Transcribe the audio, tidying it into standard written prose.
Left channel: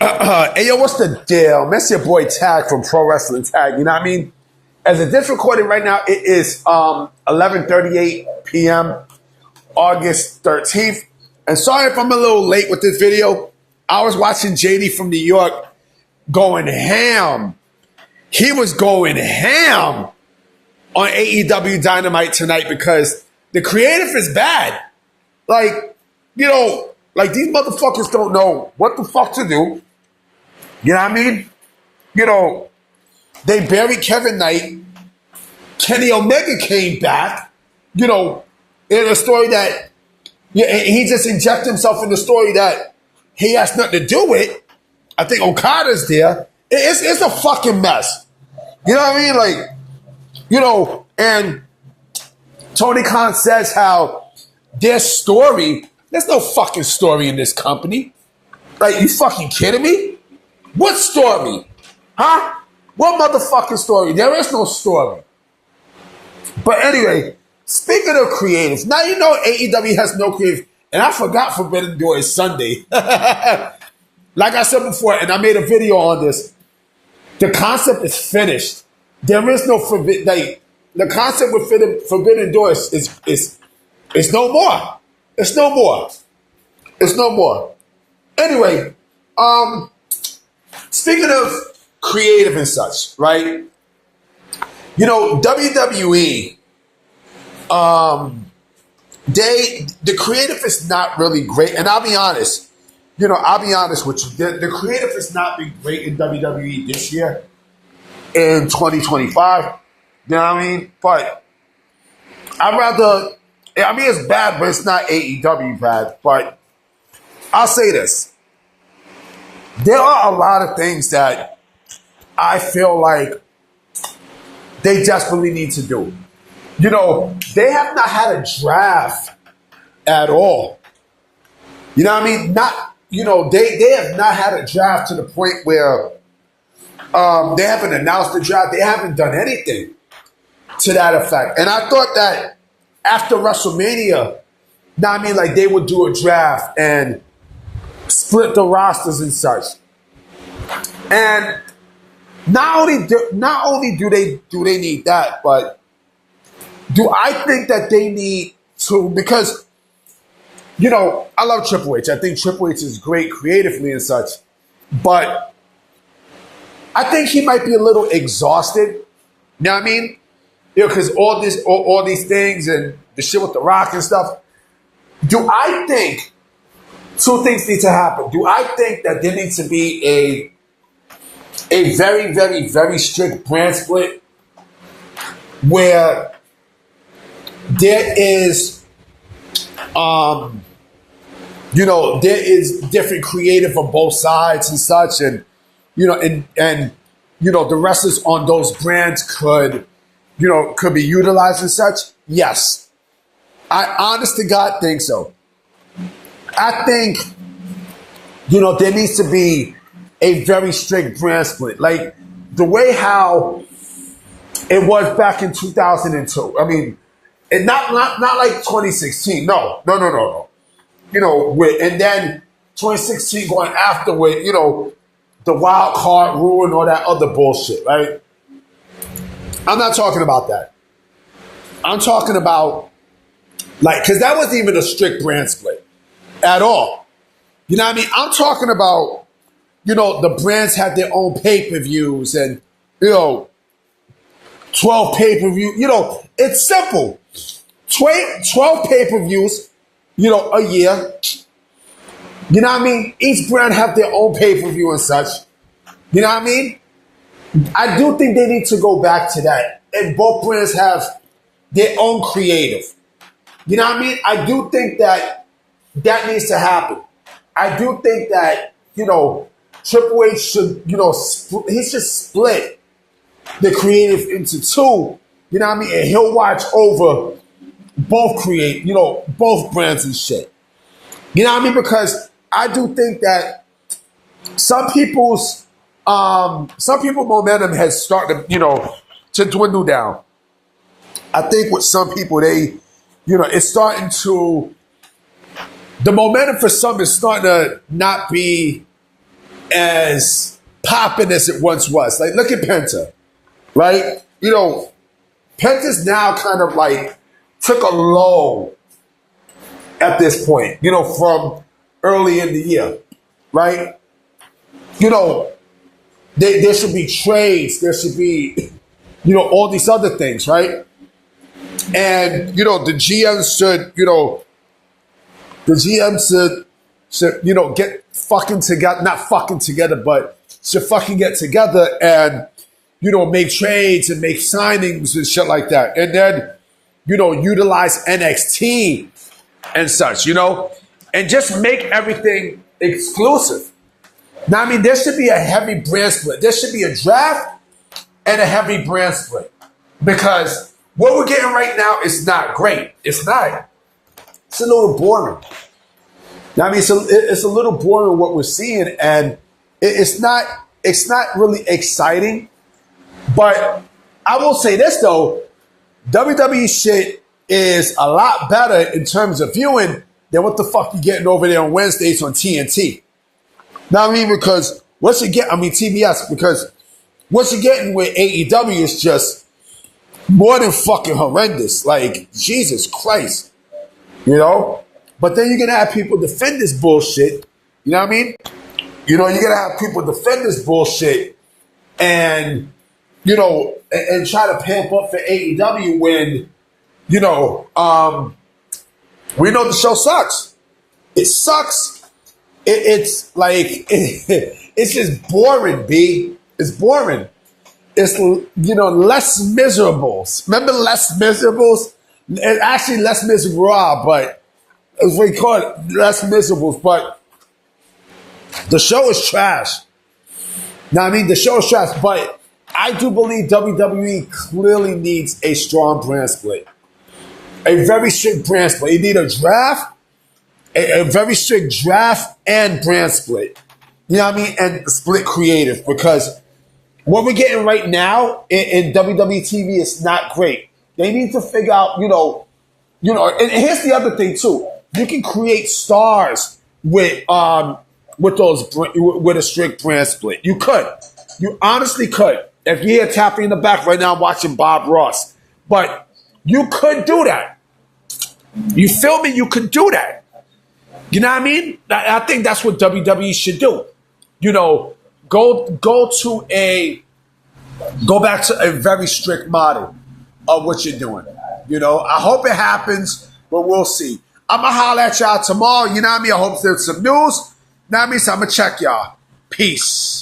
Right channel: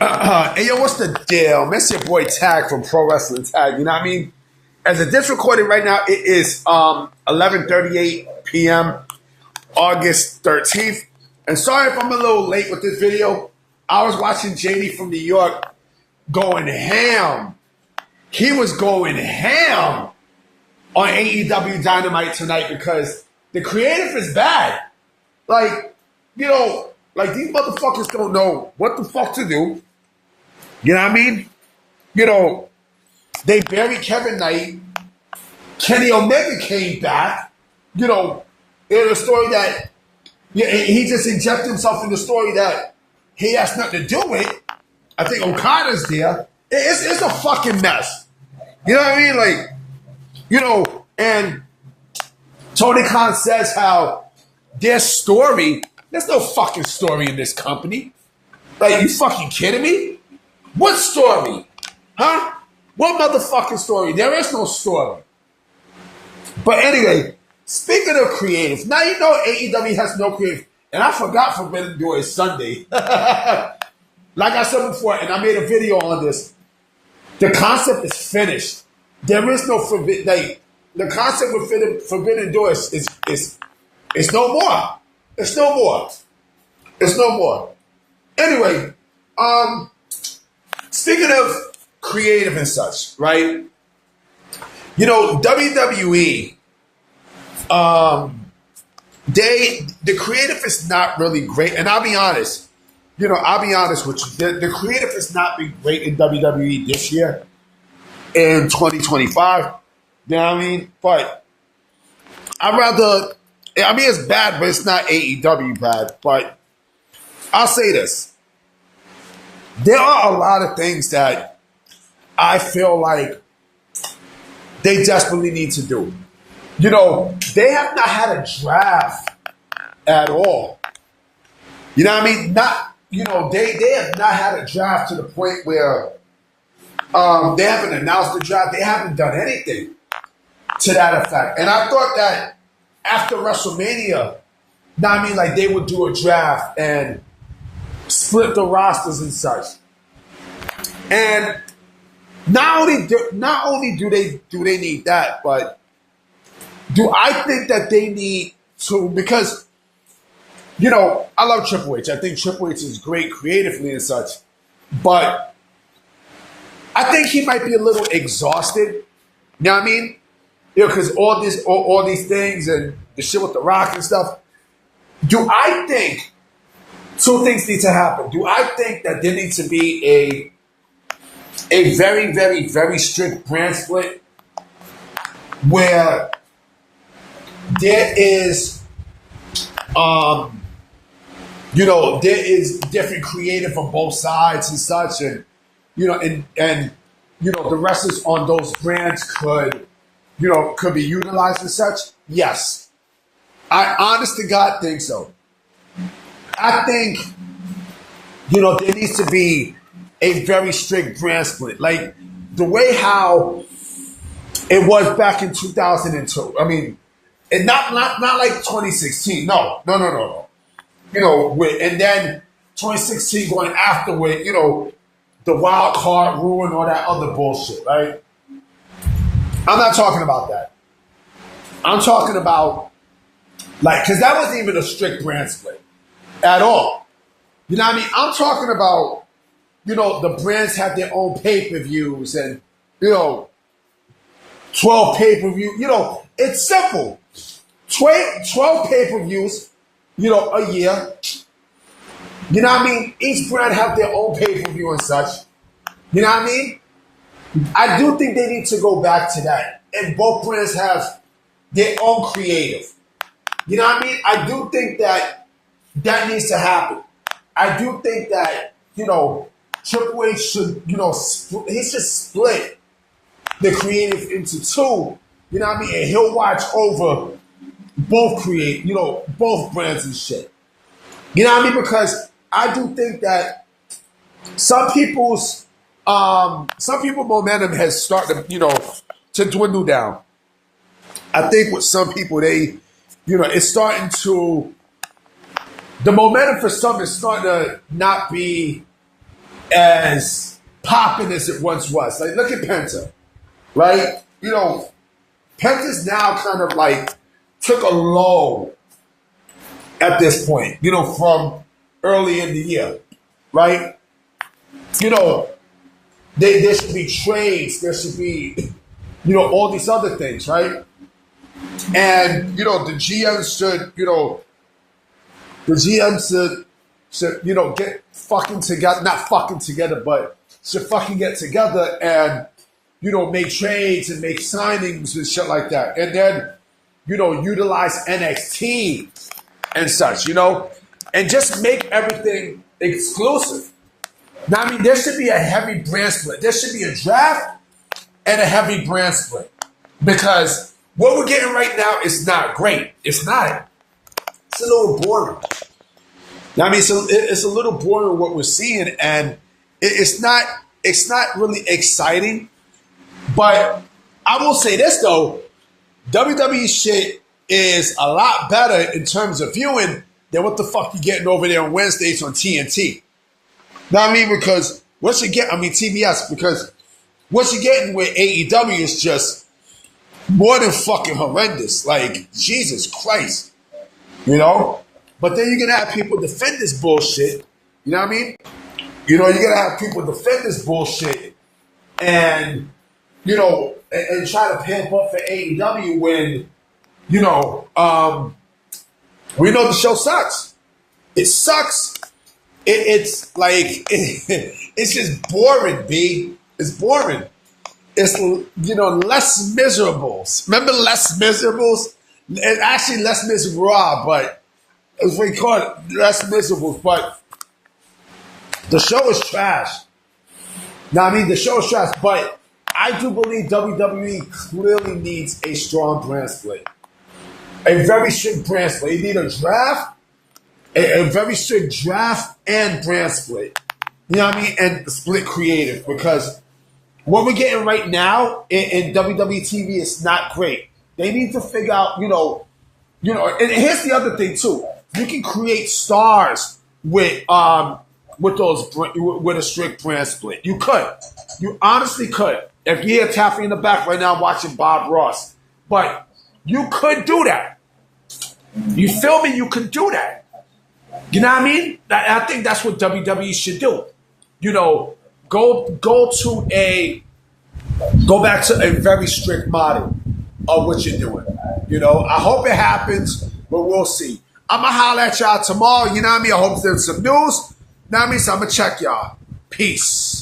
Hey, yo, what's the deal? That's your boy Tag from Pro Wrestling Tag. You know what I mean? As of this recording right now, it is 11:38 p.m. August 13th. And sorry if I'm a little late with this video. I was watching JD from New York going ham. He was going ham on AEW Dynamite tonight because the creative is bad. Like, these motherfuckers don't know what the fuck to do. You know what I mean? They buried Kevin Knight. Kenny Omega came back, in a story that he just injected himself in the story that he has nothing to do with. I think Okada's there. It's a fucking mess. You know what I mean? And Tony Khan says how their story, there's no fucking story in this company. Like, you fucking kidding me? What story? Huh? What motherfucking story? There is no story. But anyway, speaking of creative, now you know AEW has no creative. And I forgot Forbidden Door is Sunday. Like I said before, and I made a video on this, the concept is finished. There is no forbidden, the concept with Forbidden Door is no more. It's no more. It's no more. Anyway, speaking of creative and such, right? WWE, the creative is not really great. And I'll be honest, with you. The creative has not been great in WWE this year, in 2025. You know what I mean? But it's bad, but it's not AEW bad. But I'll say this. There are a lot of things that I feel like they desperately need to do. They have not had a draft at all. You know what I mean? They have not had a draft to the point where they haven't announced the draft. They haven't done anything to that effect. And I thought that after WrestleMania, they would do a draft and split the rosters and such. And not only do they need that, but do I think that they need to, because I love Triple H. I think Triple H is great creatively and such, but I think he might be a little exhausted. You know what I mean? Because all these things and the shit with The Rock and stuff. Do I think two things need to happen? Do I think that there needs to be a very, very, very strict brand split where there is, there is different creative on both sides and such, and the wrestlers on those brands could be utilized and such? Yes. I honest to God think so. I think, there needs to be a very strict brand split. Like the way how it was back in 2002. I mean, and not like 2016. No. And then 2016 going after with, the wild card rule and all that other bullshit, right? I'm not talking about that. I'm talking about, because that wasn't even a strict brand split at all. You know what I mean? I'm talking about, the brands have their own pay-per-views and, 12 pay-per-view. It's simple. 12 pay-per-views, a year. You know what I mean? Each brand have their own pay-per-view and such. You know what I mean? I do think they need to go back to that. And both brands have their own creative. You know what I mean? I do think that needs to happen. I do think that, Triple H should, he should split the creative into two. You know what I mean? And he'll watch over both both brands and shit. You know what I mean? Because I do think that some people's momentum has started, to dwindle down. I think with some people, it's starting to, the momentum for some is starting to not be as popping as it once was. Like, look at Penta, right? You know, Penta's now kind of like took a low at this point, you know, from early in the year, right? You know, there should be trades, there should be, you know, all these other things, right? And, you know, the GM should, you know, you know, get fucking together, not fucking together, but should fucking get together and, you know, make trades and make signings and shit like that. And then, you know, utilize NXT and such, you know, and just make everything exclusive. Now, I mean, there should be a heavy brand split. There should be a draft and a heavy brand split because what we're getting right now is not great. It's not. It's a little boring. Now, I mean, it's a little boring what we're seeing, and it's not really exciting. But I will say this though, WWE shit is a lot better in terms of viewing than what the fuck you getting over there on Wednesdays on TNT. Now, I mean, because what you get, I mean, TBS, because what you're getting with AEW is just more than fucking horrendous. Like, Jesus Christ, you know? But then you're going to have people defend this bullshit. You know what I mean? You know, you're going to have people defend this bullshit and, you know, and try to pamp up for AEW when, you know, we know the show sucks. It sucks. It's like, it's just boring, B. It's boring. It's, you know, Les Miserables. Remember Les Miserables? Actually, Les Miserables, but it's what we call it, Les Miserables. But the show is trash. Now, I mean, the show is trash, but I do believe WWE clearly needs a strong brand split. A very strict brand split. You need a draft, a very strict draft and brand split. You know what I mean? And split creative, because what we're getting right now in WWE TV is not great. They need to figure out, you know, and here's the other thing too. You can create stars with a strict brand split. You could. You honestly could. If you're tapping in the back right now watching Bob Ross. But you could do that. You feel me? You could do that. You know what I mean? I think that's what WWE should do. You know, go back to a very strict model of what you're doing. You know, I hope it happens, but we'll see. I'm going to holler at y'all tomorrow. You know what I mean? I hope there's some news. You know what I mean? So I'm going to check y'all. Peace.